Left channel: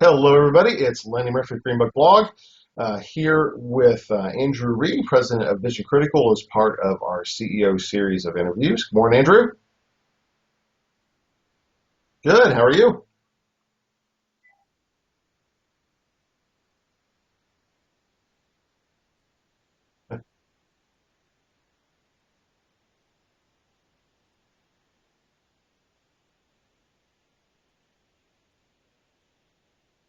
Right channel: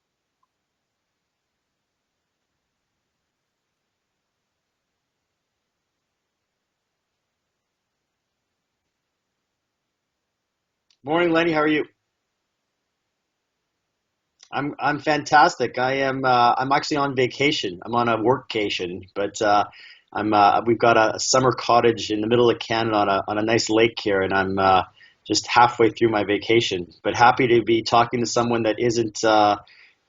Hello, everybody. It's Lenny Murphy of Greenbook Blog, here with Andrew Reid, president of Vision Critical, as part of our CEO series of interviews. Good morning, Andrew. Morning, Lenny. How are you? Good. How are you? I'm fantastic. I'm actually on vacation. I'm on a workcation, but we've got a summer cottage in the middle of Canada on a nice lake here, and I'm just halfway through my vacation. But happy to be talking to someone that isn't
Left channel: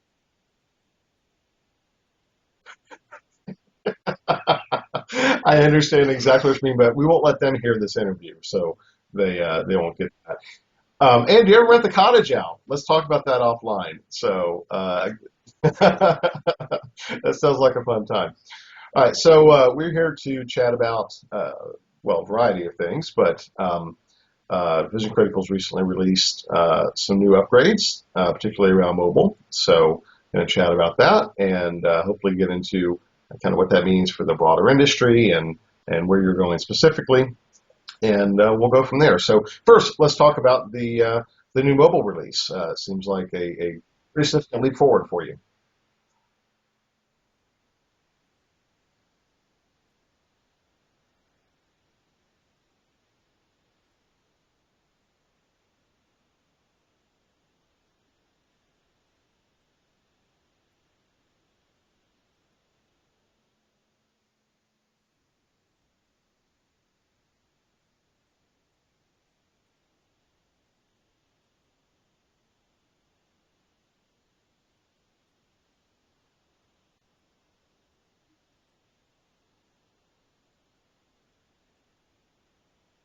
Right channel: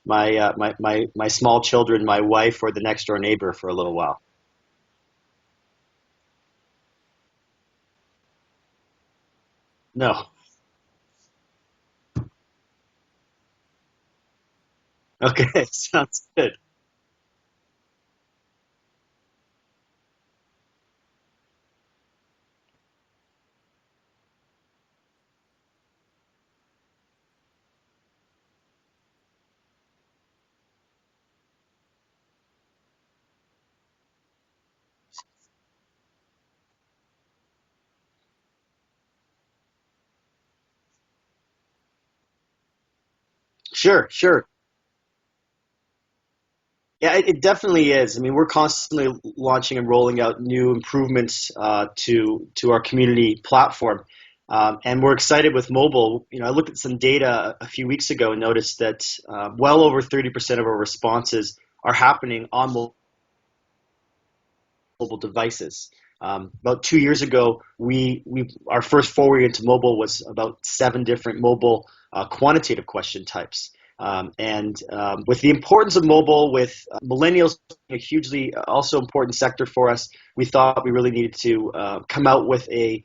my small children, my wife, or the next door neighbor for a little while. I understand exactly what you mean, but we won't let them hear this interview, so they won't get No. that. And you ever rent the cottage out? Let's talk about that offline. So Okay. Sounds good. that sounds like a fun time. All right, so we're here to chat about, well, a variety of things, but Vision Critical's recently released some new upgrades, particularly around mobile. So going to chat about that and hopefully get into kind of what that means for the broader industry and where you're going specifically. And we'll go from there. So first, let's talk about the new mobile release. Seems like a Sure. significant leap forward for you. Yeah, it definitely is. I mean, we're constantly launching and rolling out new improvements to our community platform, and we're excited with mobile. You know, I looked at some data a few weeks ago and noticed that well over 30% of our responses are happening on mobile devices. About 2 years ago, our first foray into mobile was about 7 different mobile quantitative question types. With the importance of mobile, with millennials being a hugely also important sector for us, we thought we really needed to come out with a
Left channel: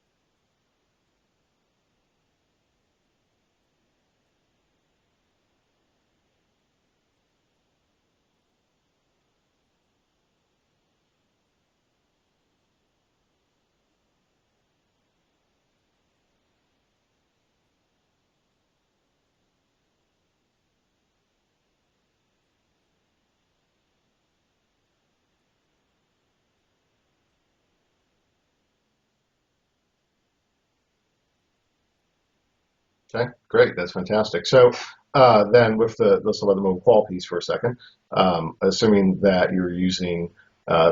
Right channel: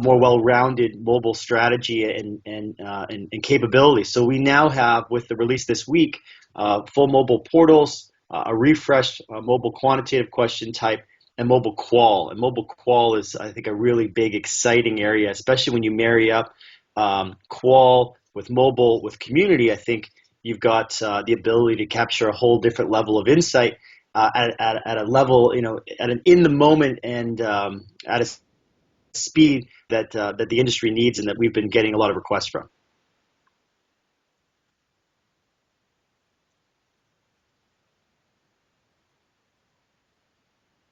more well-rounded mobile strategy and capabilities. So we now have, with the release this week, full mobile portals, a refreshed mobile quantitative question type, and mobile qual. And mobile qual is, I think, a really big, exciting area, especially when you marry up qual with mobile with community. I think you've got the ability to capture a whole different level of insight at a level, at an in the moment and at a speed that the industry needs and that we've been getting a lot of requests from. Okay, great. That's fantastic. So then with let's talk about the mobile qual piece for a second. Assuming that you're using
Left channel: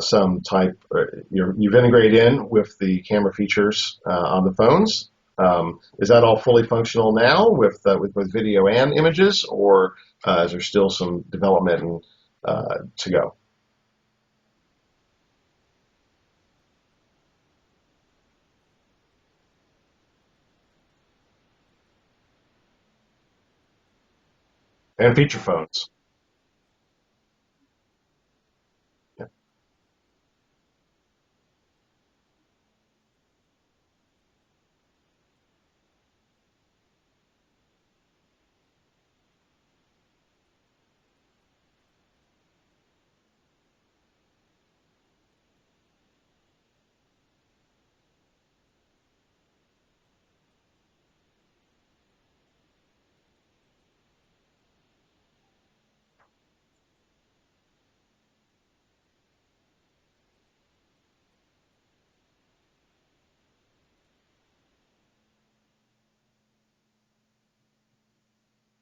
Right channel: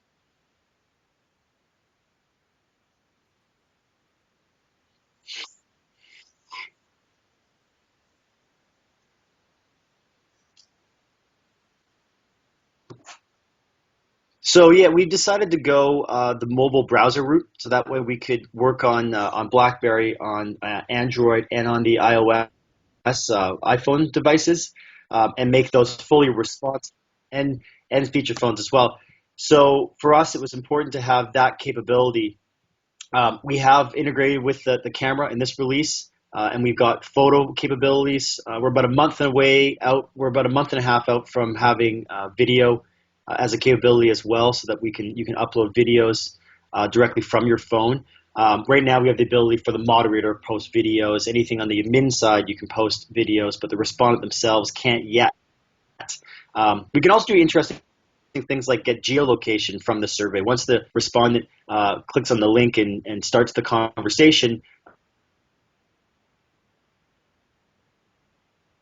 some type, you've integrated in with the camera features on the phones. Is that all fully functional now with both video and images, or is there still some development to go? So yeah, we've decided to go the mobile browser route, so that way we could work on BlackBerry, on Android, and on the iOS iPhone devices, And feature and make phones. those fully responsive and feature phones as well. Yeah. So for us, it was important to have that capability. We have integrated with the camera in this release, and we've got photo capabilities. We're about a month away out. We're about a month and a half out from having video as a capability as well, so that you can upload videos directly from your phone. Right now, we have the ability for the moderator to post videos. Anything on the admin side, you can post videos, but the respondent themselves can't yet. We can also do interesting things like get geolocation from the survey. Once the respondent clicks on the link and starts the conversation,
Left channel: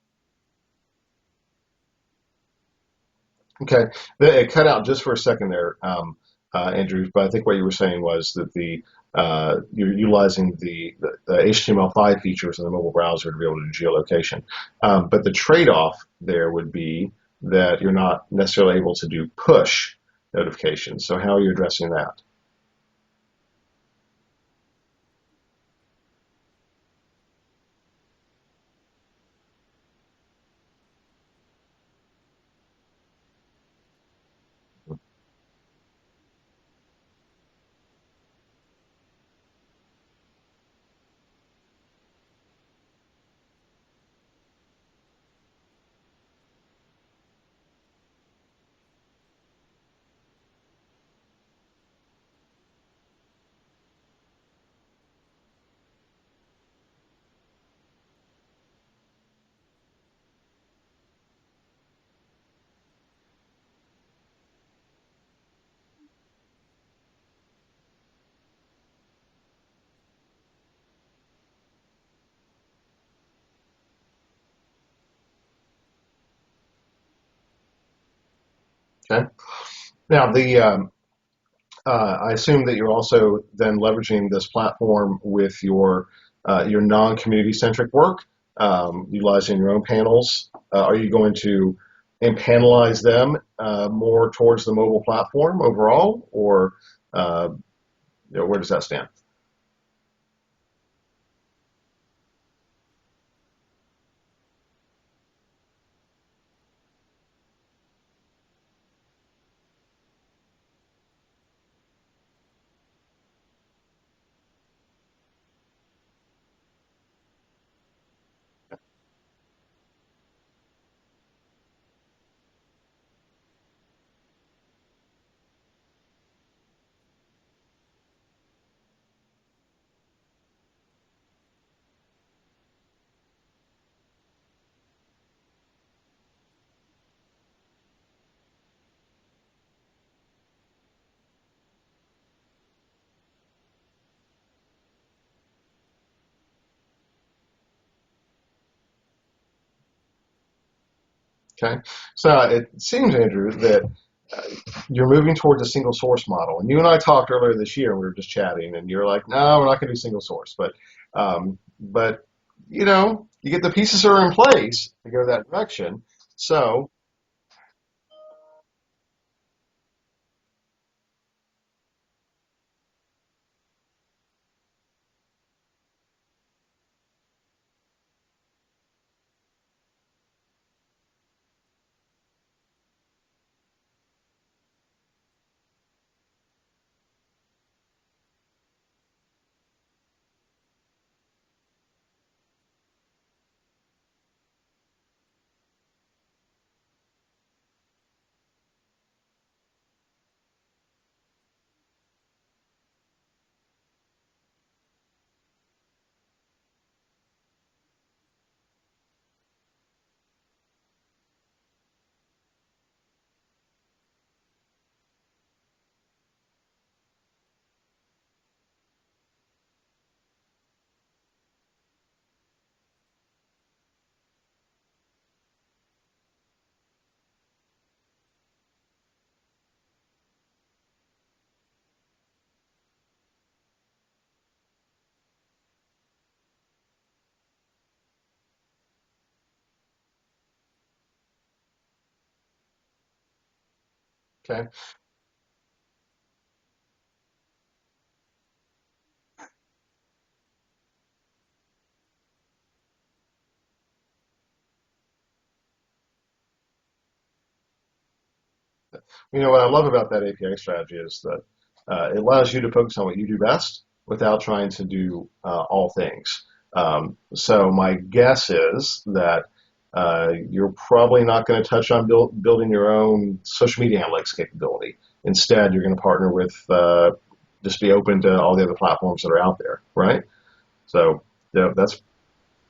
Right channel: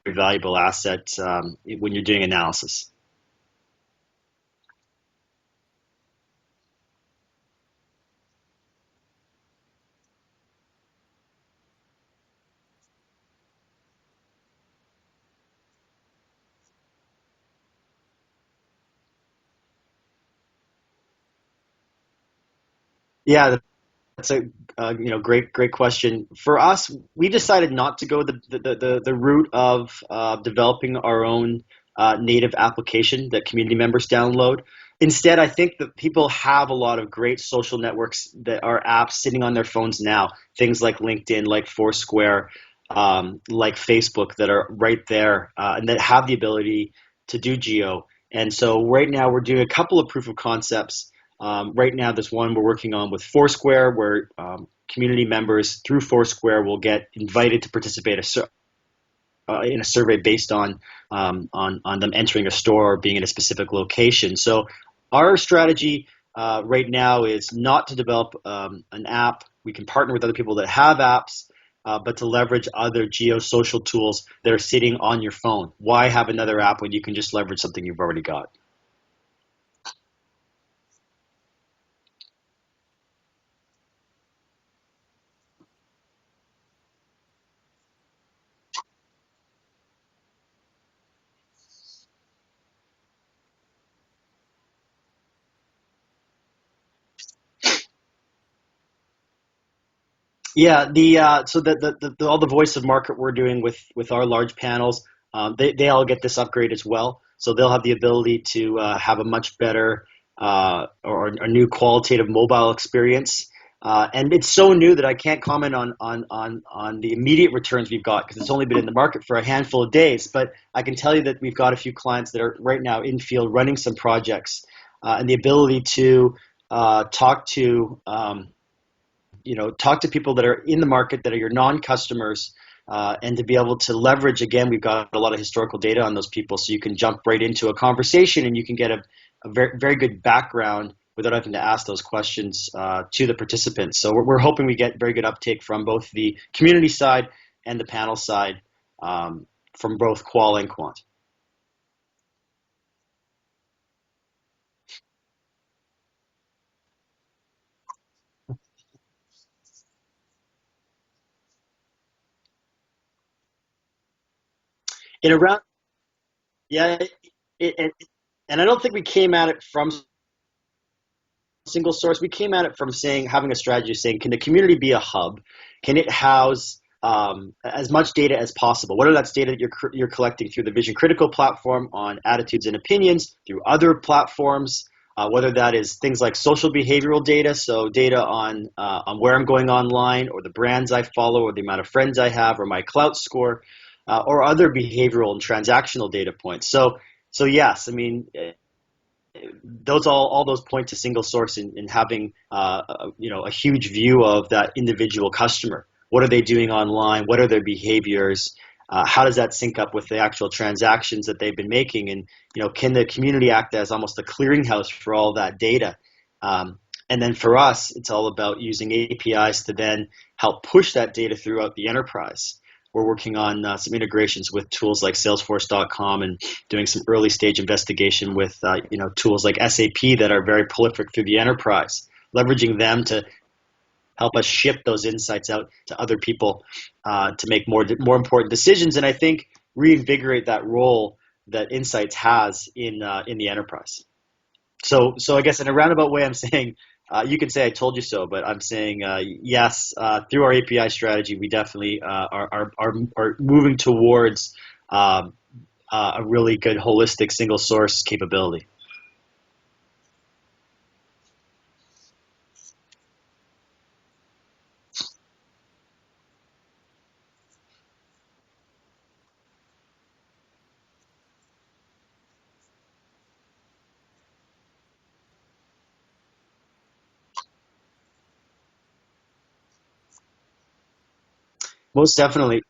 very valuable asset when you're doing analysis. Okay, it cut out just for a second there, Andrew. But I think what you were saying was that you're utilizing the HTML5 features in the mobile browser to be able to do geolocation. But the trade-off there would be that you're not necessarily able to do push notifications. So how are you addressing that? Yeah, that's a great question. For us, we decided not to go the route of developing our own native application that community members download. Instead, I think that people have a lot of great social networks that are apps sitting on their phones now. Things like LinkedIn, like Foursquare, like Facebook, that are right there and that have the ability to do geo. And so right now we're doing a couple of proof of concepts. Right now, there's one we're working on with Foursquare, where community members through Foursquare will get invited to participate in a survey based on them entering a store or being in a specific location. So our strategy right now is not to develop an app. We can partner with other people that have apps, but to leverage other geosocial tools that are sitting on your phone. Why have another app when you can just leverage something you've already got? Okay. Now, I assume that you're also then leveraging this platform with your non-community centric work, utilizing your own panels. Are you going to panelize them more towards the mobile platform overall, or where does that stand? Yeah, so all the voice of market we're doing with our large panels, they all get this upgrade as well. So they'll have the ability to have a much better or a new qualitative mobile experience. And it's so new that I can't comment on the immediate returns we've got because it's only been in the market for a handful of days. But I can tell you that we've got a few clients that are right now in field running some projects, and the ability to talk to talk to people that are in the market that are your non-customers, and to be able to leverage, again, we've got a lot of historical data on those people, so you can jump right into a conversation and you can get a very, very good background without having to ask those questions to the participants. So we're hoping we get very good uptake from both the community side and the panel side, from both qual and quant. Okay. So it seems, Andrew, that you're moving towards a single source model. And you and I talked earlier this year, we were just chatting, and you're like, no, we're not going to do single source. But you get the pieces are in place to go that direction. So yeah, and I don't think we came at it from single source. We came at it from having a strategy saying, can the community be a hub? Can it house as much data as possible? Whether that's data that you're collecting through the Vision Critical platform on attitudes and opinions, through other platforms, whether that is things like social behavioral data, so data on where I'm going online, or the brands I follow, or the amount of friends I have, or my clout score, or other behavioral and transactional data points. So yes, I mean, all those point to single source in having a huge view of that individual customer. What are they doing online? What are their behaviors? How does that sync up with the actual transactions that they've been making? And can the community act as almost a clearinghouse for all that data? And then for us, it's all about using APIs to then help push that data throughout the enterprise. We're working on some integrations with tools like Salesforce.com and doing some early stage investigation with tools like SAP that are very prolific through the enterprise, leveraging them to help us ship those insights out to other people to make more important decisions, and I think reinvigorate that role that insights has in the enterprise. Okay. So I guess in a roundabout way, I'm saying you could say I told you so, but I'm saying yes. Through our API strategy, we definitely are moving towards a really good holistic single source capability. What I love about that API strategy is that it allows you to focus on what you do best without trying to do all things. So my guess is that you're probably not going to touch on building your own social media analytics capability. Instead, you're going to partner with, just be open to all the other platforms that are out there, right? So yeah, that's most definitely.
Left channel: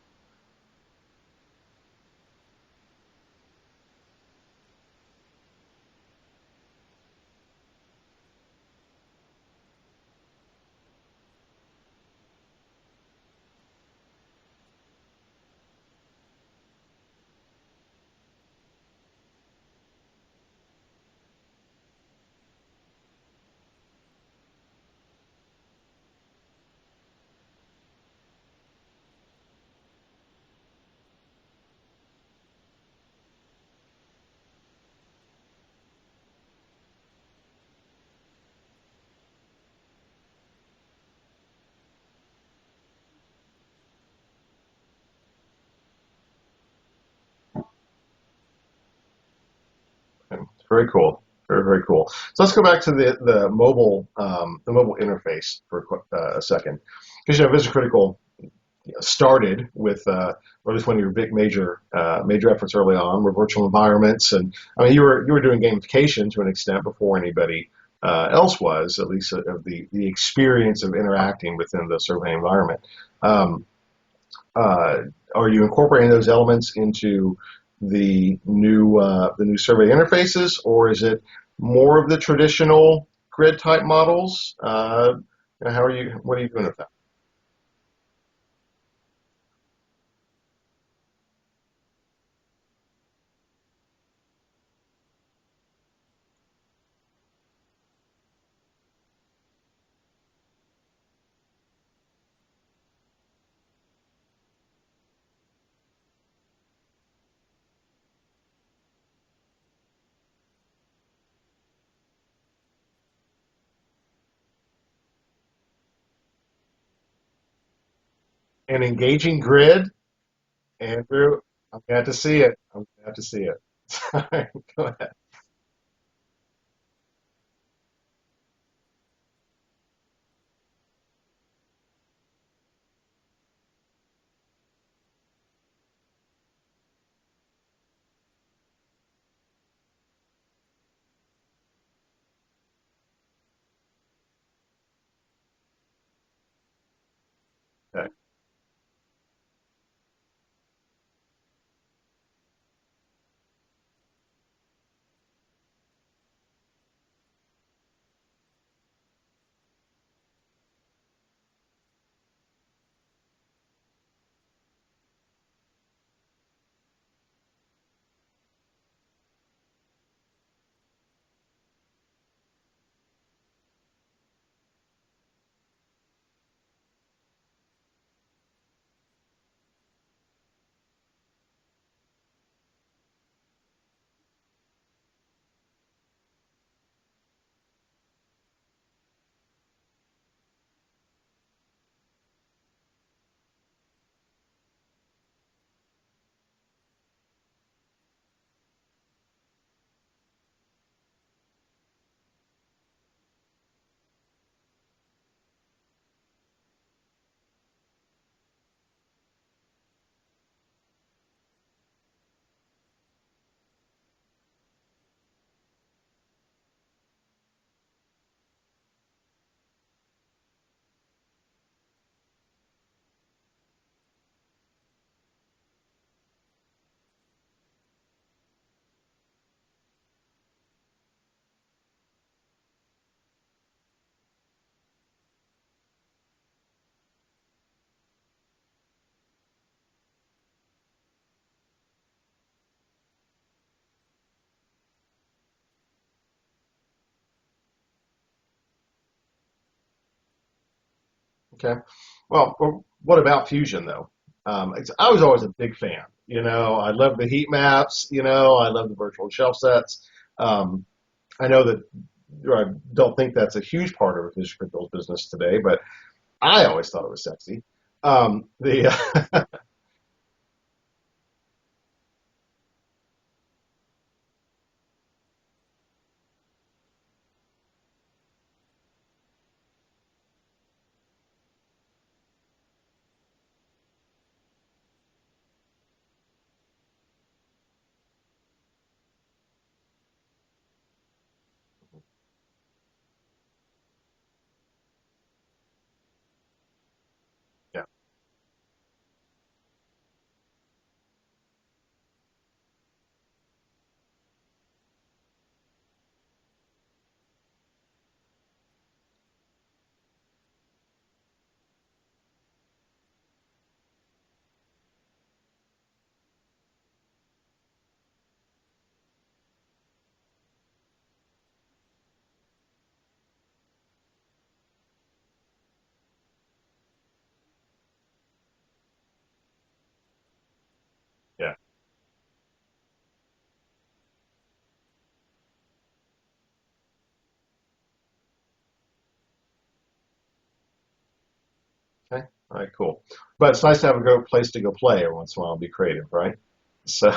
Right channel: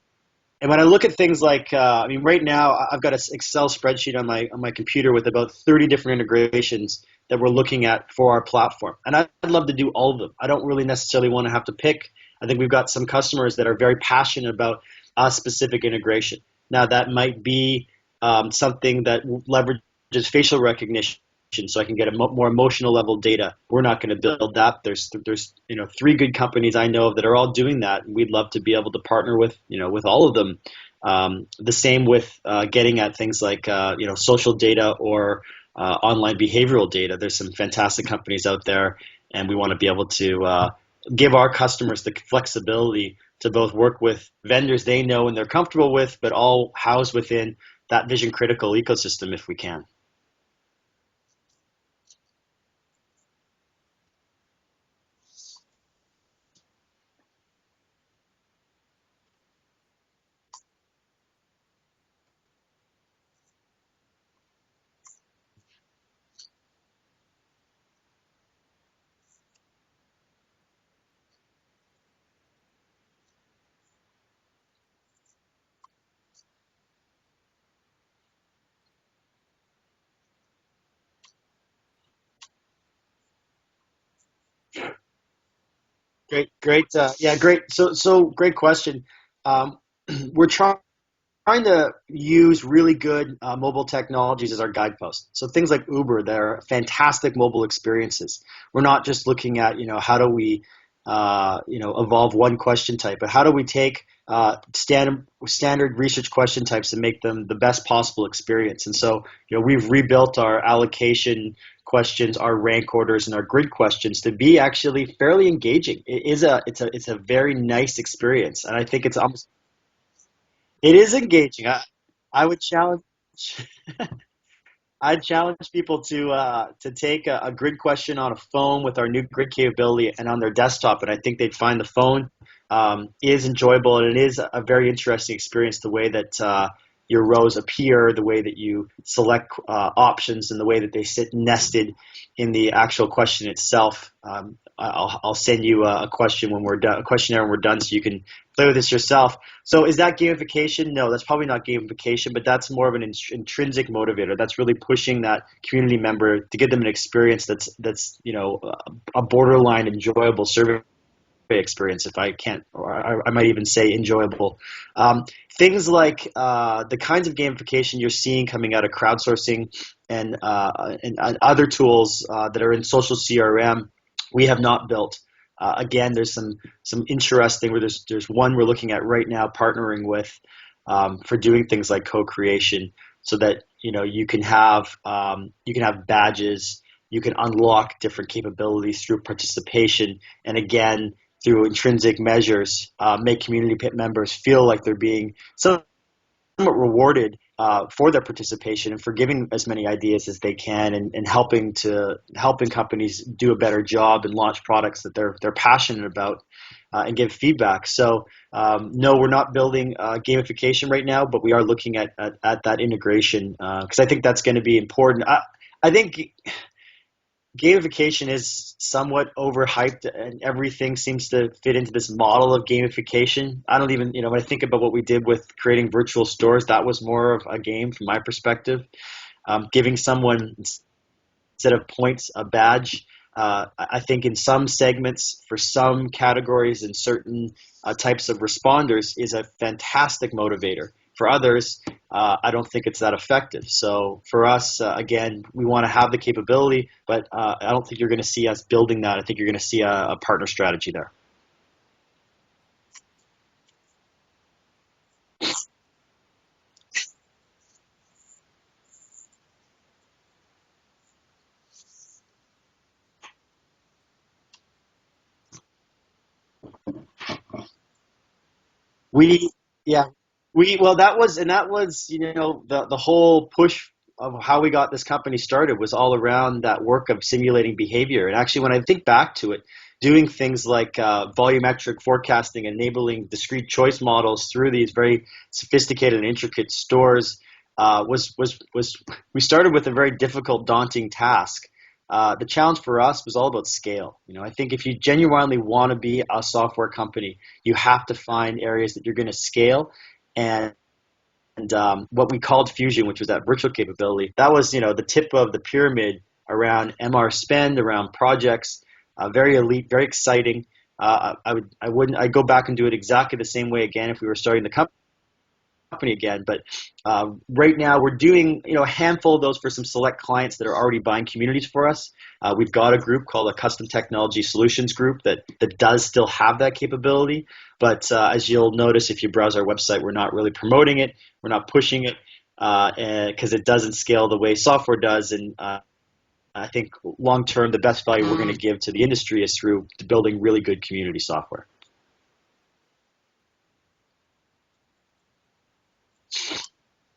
And when I look at things like, right now I've got an Excel spreadsheet on my computer with about 30 different integrations that we're looking at for our platform. And I'd love to do all of them. I don't really necessarily want to have to pick. I think we've got some customers that are very passionate about a specific integration. Now that might be something that leverages facial recognition, so I can get a more emotional level data. We're not going to build that. There's 3 good companies I know of that are all doing that, and we'd love to be able to partner with all of them. The same with getting at things like social data or online behavioral data. There's some fantastic companies out there, and we want to be able to give our customers the flexibility to both work with vendors they know and they're comfortable with, but all housed within that Vision Critical ecosystem if we can. Okay. Very cool. Very, very cool. So let's go back to the mobile interface for a second, because Vision Critical started with, or at least one of your big major efforts early on were virtual environments, and I mean you were doing gamification to an extent before anybody else was, at least of the experience of interacting within the survey environment. Are you incorporating those elements into the new survey interfaces, or is it more of the traditional grid type models? How are you? What are you Great, doing great. about Yeah, great. So great question. Um, we're trying to use really good mobile technologies as our guidepost. So things like Uber, they're fantastic mobile experiences. We're not just looking at, how do we, evolve one question type, but how do we take standard research question types and make them the best possible experience. And so, we've rebuilt our allocation questions, our rank orders, and our grid questions to be actually fairly engaging. It's a very nice experience, and an I think it's up. engaging grid, It is Andrew? engaging. You have to see I it. would You challenge have to see it. Sorry, go ahead. I'd challenge people to take a grid question on a phone with our new grid capability and on their desktop, and I think they'd find the phone is enjoyable, and it is a very interesting experience. The way that your rows appear, the way that you select options, and the way that they sit nested in the actual question itself. I'll send you a question when we're done, a questionnaire when we're done, so you Okay. can play with this yourself. So is that gamification? No, that's probably not gamification, but that's more of an intrinsic motivator. That's really pushing that community member to give them an experience that's a borderline enjoyable survey experience, if I can't, or I might even say enjoyable. Um, Things like the kinds of gamification you're seeing coming out of crowdsourcing and other tools that are in social CRM, we have not built. Again, there's some interesting where there's one we're looking at right now, partnering with for doing things like co-creation, so that you can have badges, you can unlock different capabilities through participation, and again through intrinsic measures, make community members feel like they're being somewhat rewarded for their participation and for giving as many ideas as they can, and helping companies do a better job and launch products that they're passionate about, and give feedback. So no, we're not building gamification right now, but we are looking at that integration because I think that's going to be important. I think gamification is somewhat overhyped, and everything seems to fit into this model of gamification. I don't even, when I think about what we did with creating virtual stores, that was more of a game from my perspective. Giving someone, instead of points, a badge. I think in some segments, for some categories and certain types of responders, is a fantastic motivator. For others, I don't think it's that effective. So for us, again, we want to have the capability, but I don't think you're going to see us building that. I think you're going to see a partner strategy there. Okay. Well, what about Fusion though? I was always a big fan. I love the heat maps. I love the virtual shelf sets. Um, I know that I don't think that's a huge part of a Vision Critical's business today, but I always thought it was sexy. The We, yeah, well, that was, the whole push of how we got this company started was all around that work of simulating behavior. And actually, when I think back to it, doing things like volumetric forecasting, enabling discrete choice models through these very sophisticated and intricate stores, was we started with a very difficult, daunting task. The challenge for us was all about scale. I think if you genuinely want to be a software company, you have to find areas that you're going to scale. And what we called Fusion, which was that virtual capability, that was the tip of the pyramid around MR spend, around projects, very elite, very exciting. I'd go back and do it exactly the same way again if we were starting the company again. But right now we're doing a handful of those for some select clients that are already buying communities for us. We've got a group called a Custom Technology Solutions Group that does still have that capability. But as you'll notice if you browse our website, we're not really promoting it. Yeah. We're not pushing it because it doesn't scale the way software does. And I think long term, the best value we're going to give to the industry is through building really good community software. Okay. All right, cool. But it's nice to have a good place to go play every once in a while and be creative, right? So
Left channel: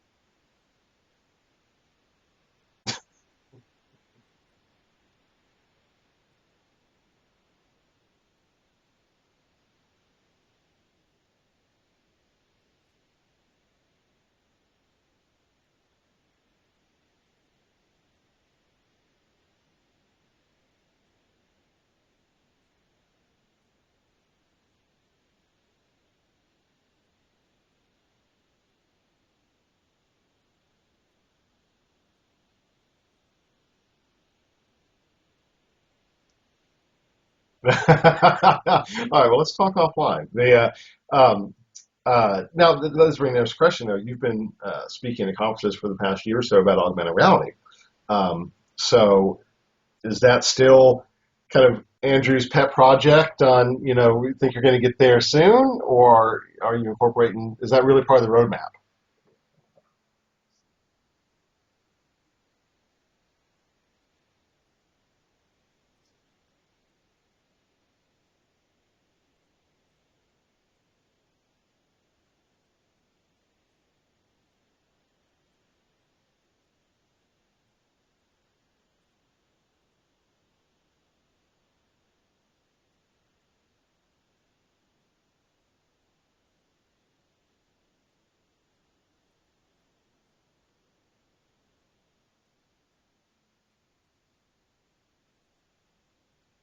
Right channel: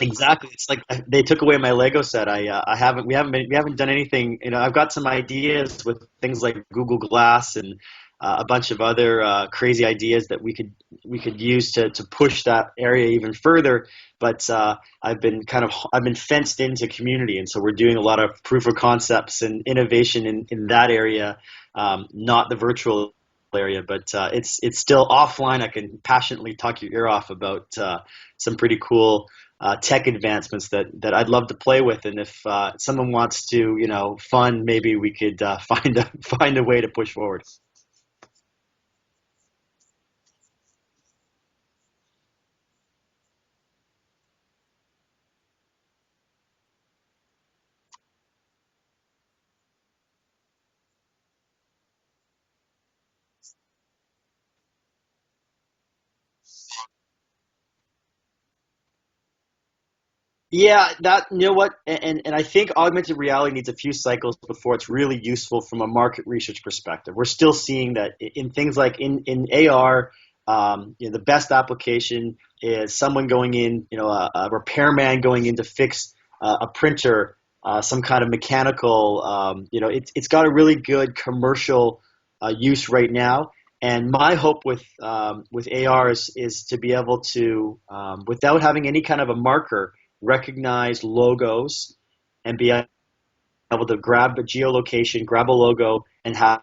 exactly, it's like they took away my Lego set. We haven't done anything. I've got some ideas with things like Google Glass and a bunch of other crazy ideas that we could use to push that area even further. But I've been fenced into community, and so we're doing a lot of proof of concepts and innovation in that area, not the virtual area, but it's still offline. I can passionately talk your ear off about some pretty cool tech advancements that I'd love to play with. And if someone wants to, fund, maybe we could find a way to push forward. All right, well, let's talk offline. Now, let's bring this question, though. You've been speaking at conferences for the past year or so about augmented reality. So is that still kind of Andrew's pet project on, we think you're going to get there soon, or are you incorporating, is that really part of the roadmap? Yeah, you know what, and I think augmented reality needs a few cycles before it's really useful from a market research perspective. We're still seeing that in things like in AR, the best application is someone going in, a repairman going in to fix a printer, some kind of mechanical. It's got a really good commercial use right now. And my hope with AR is to be able to, without having any kind of a marker, recognize logos and be able to grab a geolocation, grab a logo, and have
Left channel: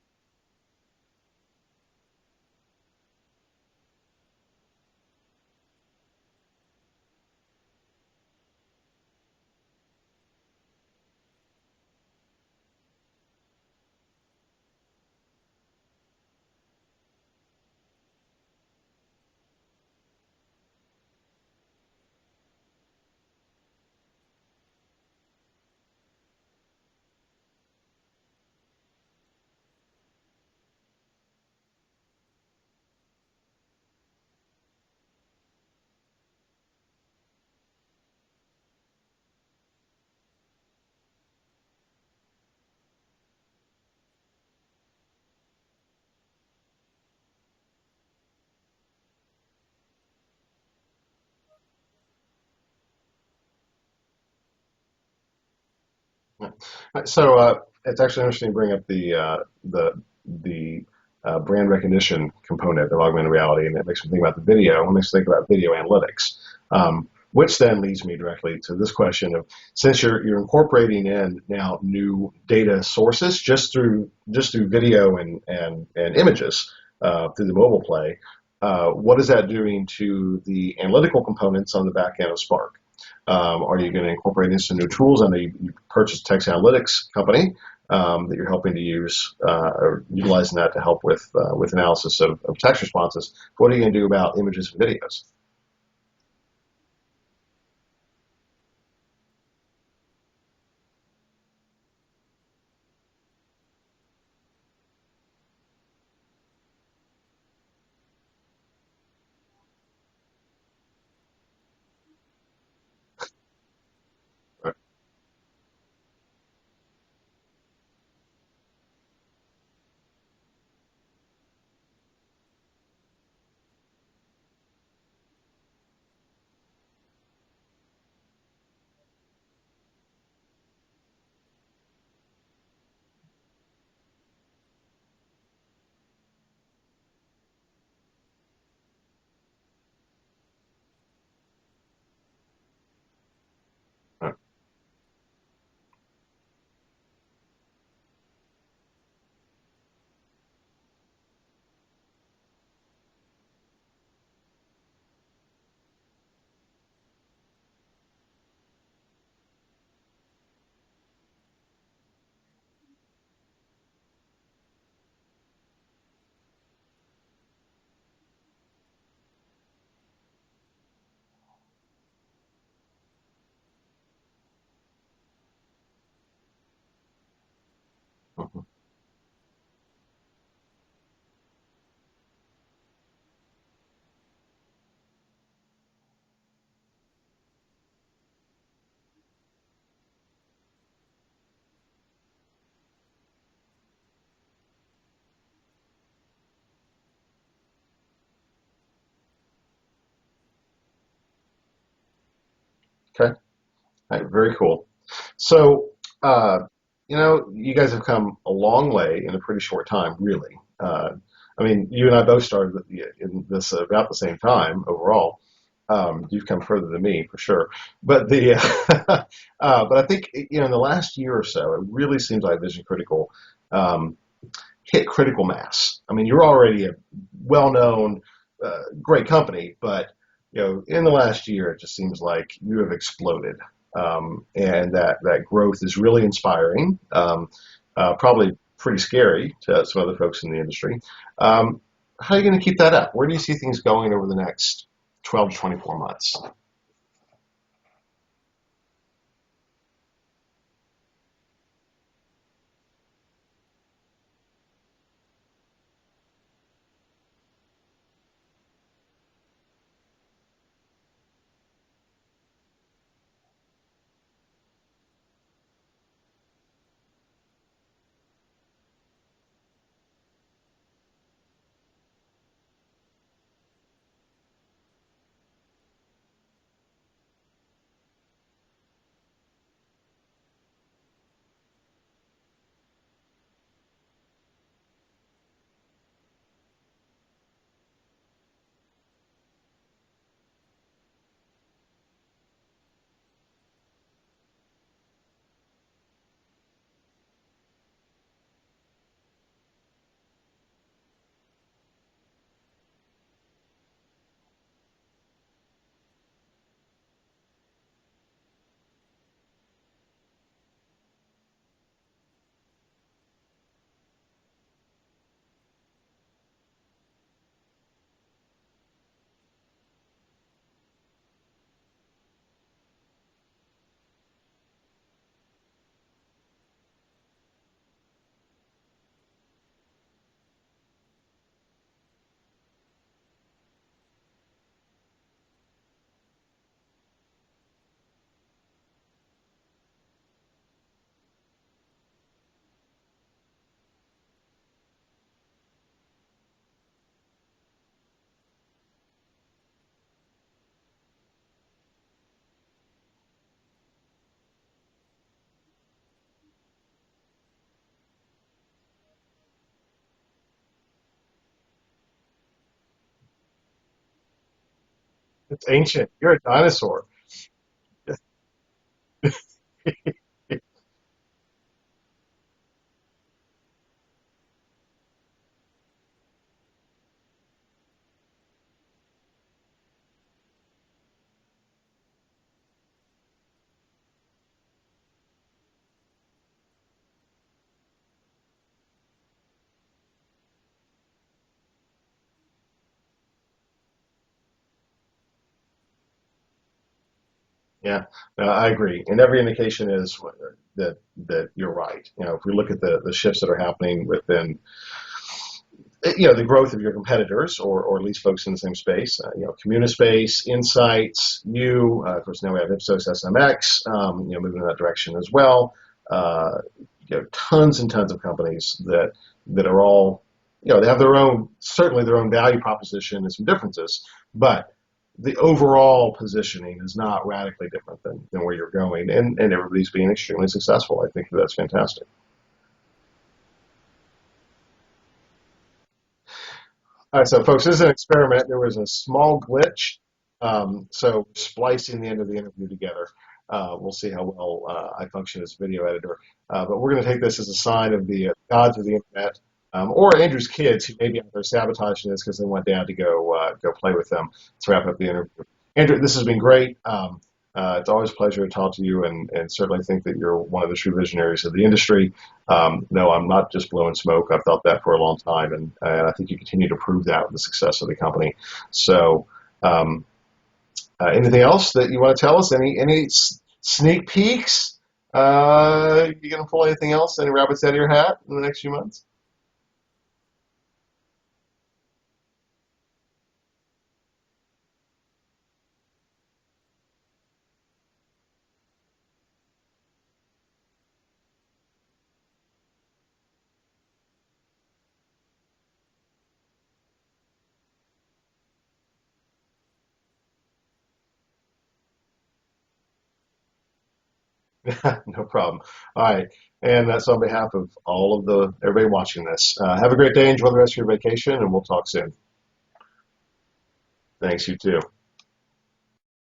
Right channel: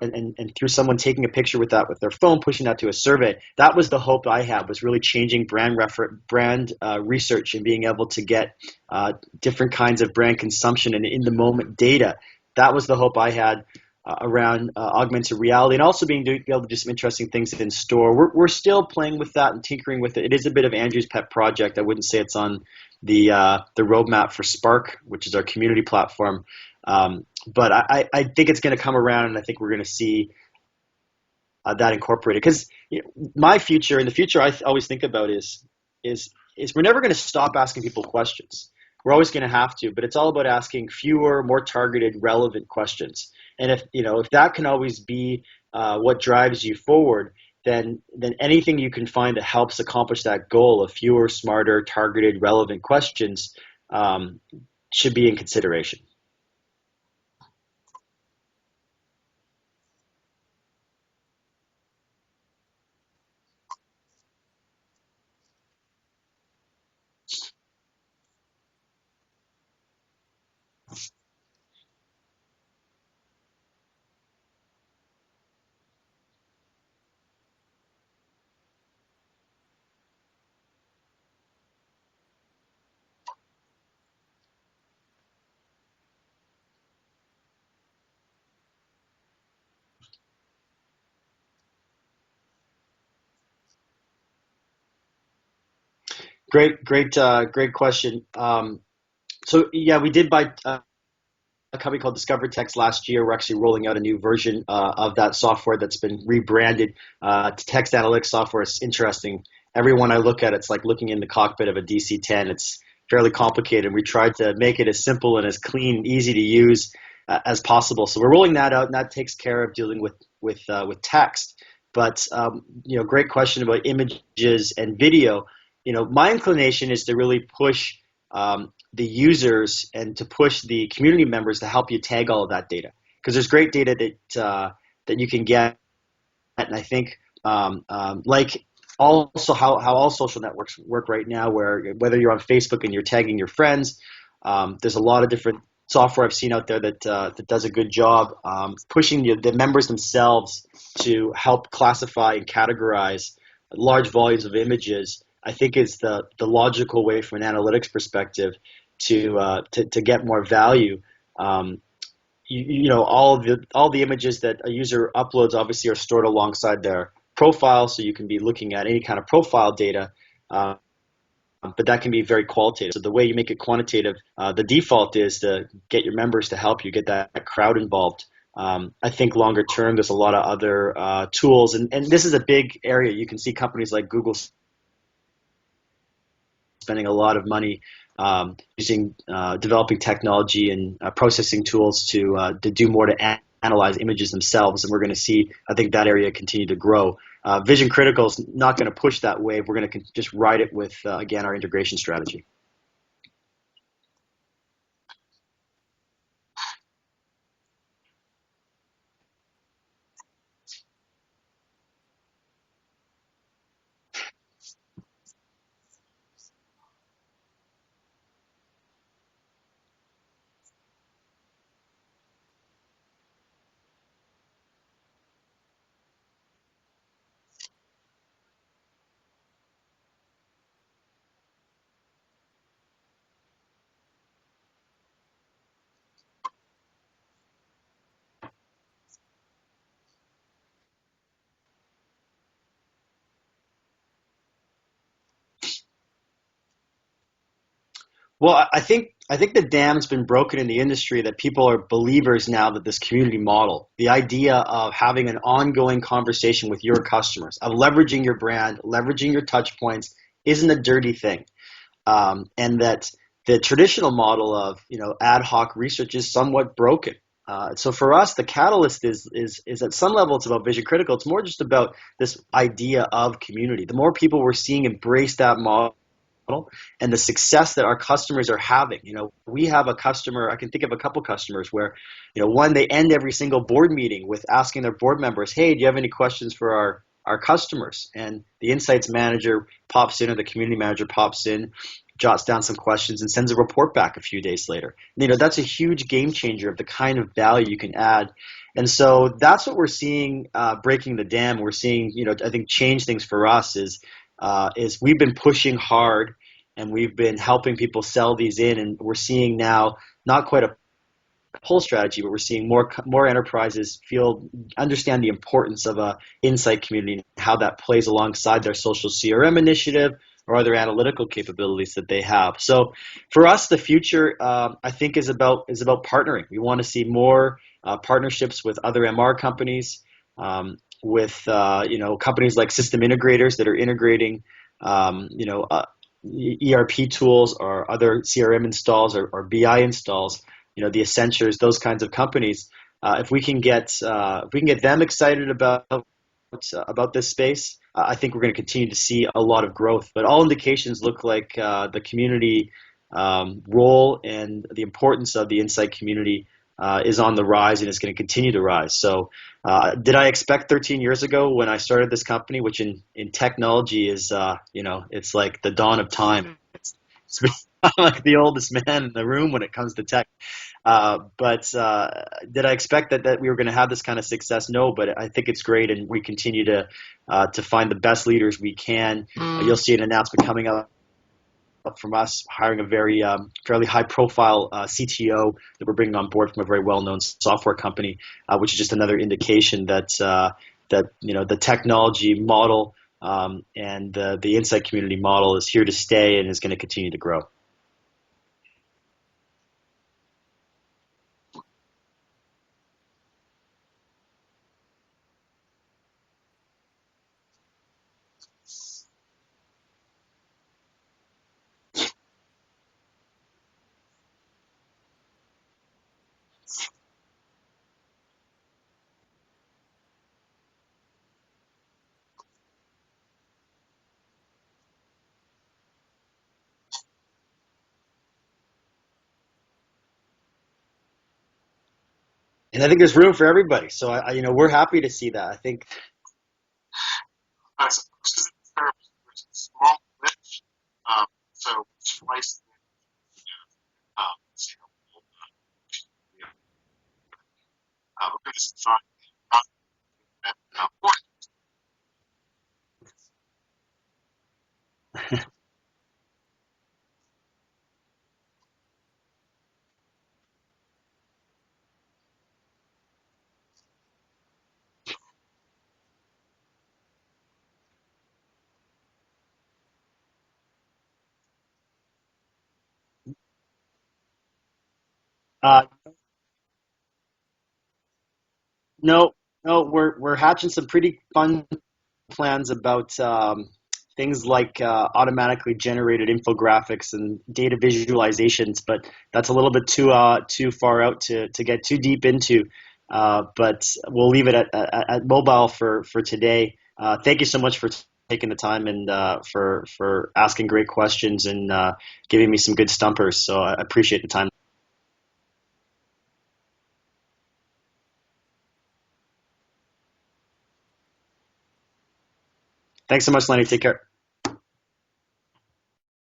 and through someone taking a picture with their phone, pushing that to a survey. That was the hope I had, was really changing brand research and being able to get different kinds of brand consumption and in the moment data. That was the hope I had around augmented reality, and also being able to do some interesting things in store. We're still playing with that and tinkering with it. It is a bit of Andrew's pet project. I wouldn't say it's on the roadmap for Spark, which is our community platform. But I think it's going to come around, and I think we're going to see that incorporated. Because my future, and the future I always think about is we're never going to stop asking people questions. We're always going to have to, but it's all about asking fewer, more targeted, relevant questions. And if that can always be what drives you forward, then anything you can find that helps accomplish that goal of fewer, smarter, targeted, relevant questions should be in consideration. So it's actually interesting to bring up the brand recognition component of augmented reality, and it makes me think about the video. It makes me think about video analytics, which then leads me directly to this question of, since you're incorporating in now new data sources just through video and images through the mobile play, what is that doing to the analytical components on the back end of Spark? Are you going to incorporate in some new tools? I know you purchased a text analytics company that you're helping to use or utilizing that to help with analysis of text responses. What are you going to do about images and videos? Great question. So yeah, we did buy a company called Discover Text last year. We're actually rolling out a new version of that software that's been rebranded to text analytics software. It's interesting. Everyone I look at, it's like looking in the cockpit of a DC-10. It's fairly complicated. We tried to make it as simple and as clean, easy to use as possible. So we're rolling that out, and that takes care of dealing with text. But great question about images and video. My inclination is to really push the users and to push the community members to help you tag all of that data, because there's great data that you can get, and I think like also how all social networks work right now, where whether you're on Facebook and you're tagging your friends, there's a lot of different software I've seen out there that does a good job pushing the members themselves to help classify and categorize large volumes of images. I think is the logical way from an analytics perspective to get more value. All the images that a user uploads obviously are stored alongside their profile, so you can be looking at any kind of profile data, but that can be very qualitative. So the way you make it quantitative, the default is to get your members to help you get that crowd involved. I think longer term, there's a lot of other tools, and this is a big area. You can see companies like Google spending a lot of money using developing technology and processing tools to do more to analyze images themselves, and we're going to see, I think, that area continue to grow. Vision Critical is not going to push that wave. We're going to just ride it with, again, our integration strategy. Okay. All right, very cool. So, you guys have come a long way in a pretty short time, really. I mean, you and I both started in this about the same time overall. You've come further than me for sure, but but I think in the last year or so, it really seems like Vision Critical hit critical mass. I mean, you're already a well-known, great company, but in the last year, it just seems like you have exploded, and that growth is really inspiring. Probably pretty scary to some other folks in the industry. Um, how are you going to keep that up? Where do you see things going over the next 12 to 24 months? Well, I think the dam's been broken in the industry that people are believers now that this community model, the idea of having an ongoing conversation with your customers, of leveraging your brand, leveraging your touch points, isn't a dirty thing, and that the traditional model of ad hoc research is somewhat broken. So for us, the catalyst is at some level it's about vision critical. It's more just about this idea of community. The more people we're seeing embrace that model and the success that our customers are having. We have a customer, I can think of a couple customers where, one, they end every single board meeting with asking their board members, hey, do you have any questions for our customers? And the insights manager pops in, or the community manager pops in, jots down some questions and sends a report back a few days later. That's a huge game changer of the kind of value you can add. And so that's what we're seeing breaking the dam. We're seeing, I think change things for us is we've been pushing hard and we've been helping people sell these in, and we're seeing now not quite a pull strategy, but we're seeing more enterprises understand the importance of a insight community and how that plays alongside their social CRM initiative or other analytical capabilities that they have. So for us, the future I think is about partnering. We want to see more partnerships with other MR companies, with companies like system integrators that are integrating ERP tools or other CRM installs or BI installs, the Accentures, those kinds of companies. If we can get them excited about this space, I think we're going to continue to see a lot of growth. But all indications look like the community role and the importance of the insight community is on the rise and is going to continue to rise. So did I expect 13 years ago when I started this company, which in technology is, it's like It's the dawn ancient. of You're a time. dinosaur. I'm like the oldest man in the room when it comes to tech. But did I expect that we were going to have this kind of success? No, but I think it's great, and we continue to find the best leaders we can. You'll see an announcement coming up from us hiring a very fairly high-profile CTO that we're bringing on board from a very well-known software company, which is just another indication that the technology model and the insight community model is here to stay and is going to continue to grow. Yeah, no, I agree. And every indication is that you're right. If we look at the shifts that are happening within, the growth of your competitors, or at least folks in the same space, Communispace, Insights, of course, now we have Ipsos SMX, moving in that direction as well. Tons and tons of companies that are all, they have certainly their own value proposition and some differences, but the overall positioning is not radically different than where you're going, and everybody's being extremely successful. I think that's fantastic. And I think there's room for everybody. So we're happy to see that. I think. All right, so folks, this is an experiment. There was a small glitch, so splicing the end of the interview together. We'll see how well I function as a video editor. But we're going to take this as a sign of the gods of the internet, or Andrew's kids who maybe are sabotaging this because they want Dad to go play with them. Let's wrap up the interview. Andrew, this has been great. It's always a pleasure to talk to you, and certainly think that you're one of the true visionaries of the industry. No, I'm not just blowing smoke. I've felt that for a long time, and I think you continue to prove that with the success of the company. So anything else that you want to tell us? Any sneak peeks? You going to pull anything else? Any rabbits out of your hat in the next few months? No, we're hatching some pretty fun plans about things like automatically generated infographics and data visualizations, but that's a little bit too far out to get too deep into. But we'll leave it at mobile for today. Thank you so much for taking the time and for asking great questions and giving me some good stumpers. So I appreciate the time. No problem. All right. And that's on behalf of all of everybody watching this. Have a great day. Enjoy the rest of your vacation, and we'll talk soon. Thanks so much, Lenny. Take care. Thanks, you too.